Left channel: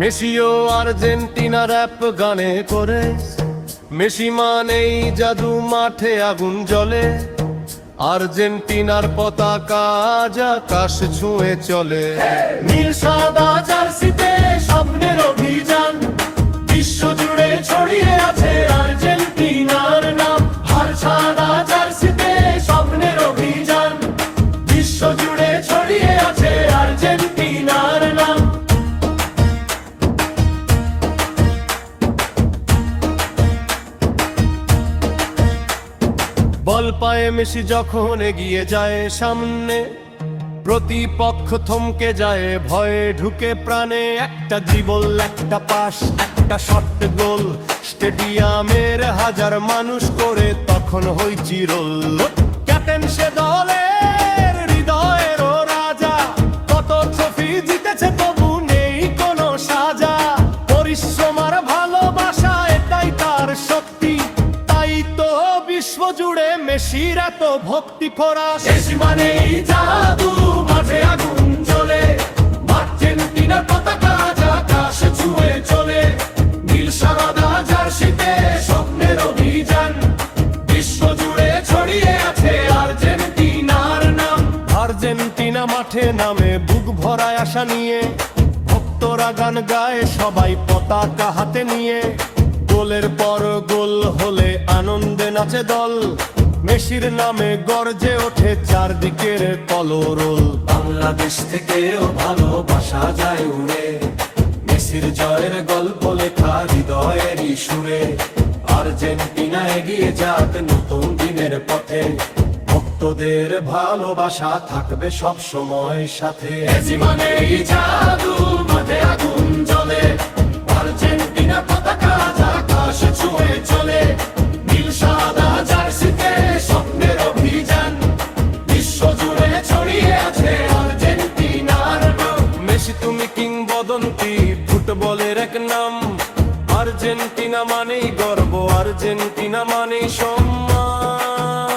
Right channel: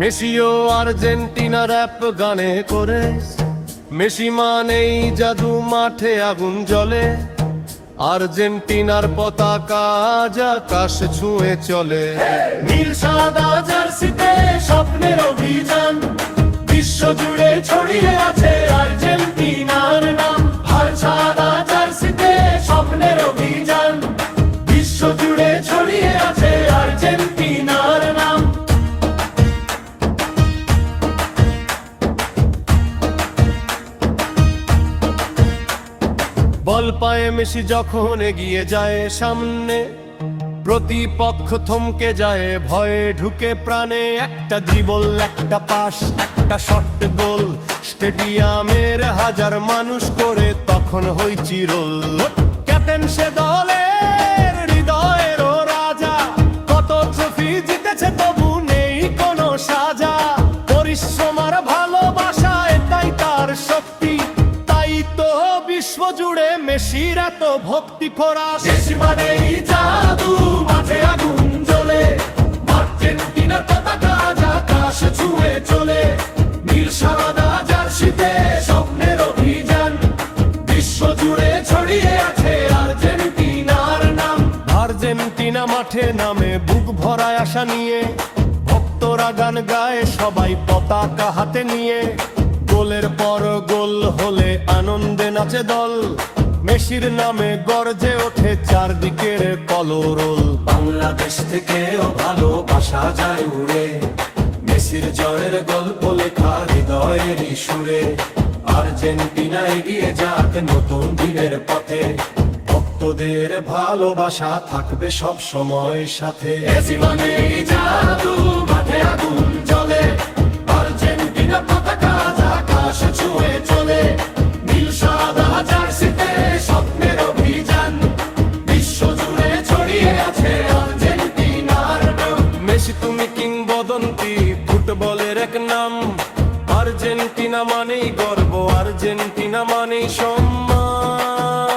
মেসিও Argentina rap গানে করে, Messi মানেই জাদু, মাঠে আগুন জ্বলে। আর্জেন্টিনার পতাকা আজ আকাশ ছুঁয়ে চলে। নীল সাদা জার্সিতে স্বপ্নের অভিযান, বিশ্ব জুড়ে ছড়িয়ে আছে আর্জেন্টিনার নাম। আর সাদা জার্সিতে স্বপ্নের অভিযান, বিশ্ব জুড়ে ছড়িয়ে আছে আর্জেন্টিনার নাম। বল পায়ে মেসি যখন এগিয়ে যায় সামনে, প্রতিপক্ষ থমকে যায়, ভয়ে ঢুকে প্রাণে। একটা ড্রিবল, একটা পাস, একটা শট গোল, স্টেডিয়ামের হাজার মানুষ করে তখন হইচিরোল। ক্যাপ্টেন সে দলের হৃদয়েরও রাজা, কত ট্রফি জিতেছে তবু নেই কোনো সাজা। পরিশ্রম আর ভালোবাসা এটাই তার শক্তি, তাই তো বিশ্ব জুড়ে মেসির এত ভক্তি ফরাস। মেসি মানেই জাদু, মাঠে আগুন জ্বলে। আর্জেন্টিনার পতাকা আজ আকাশ ছুঁয়ে চলে। নীল সাদা জার্সিতে স্বপ্নের অভিযান, বিশ্ব জুড়ে ছড়িয়ে আছে আর্জেন্টিনার নাম। আর্জেন্টিনা মাঠে নামে বুক ভরায় আশা নিয়ে, ভক্তরা গান গায় সবাই পতাকা হাতে নিয়ে। গোলের পর গোল হলে আনন্দে নাচে দল, মেসির নামে গর্জে ওঠে চারদিকের কলরোল। বাংলাদেশ থেকেও ভালোবাসা যায় উড়ে, মেসির জয়ের গল্প লেখা হৃদয়েরই সুরে। আর্জেন্টিনা এগিয়ে যাক নতুন দিনের পথে, ভক্তদের ভালোবাসা থাকবে সব সময় সাথে। মেসি মানেই জাদু, মাঠে আগুন জ্বলে। আর্জেন্টিনা পতাকা আজ আকাশ ছুঁয়ে চলে। নীল সাদা জার্সিতে স্বপ্নের অভিযান, বিশ্ব জুড়ে ছড়িয়ে আছে আর্জেন্টিনার নাম। মেসি তুমি কিংবদন্তি, ফুটবলের এক নাম। আর্জেন্টিনা মানেই গর্ব, আর্জেন্টিনা মানেই সম্মান।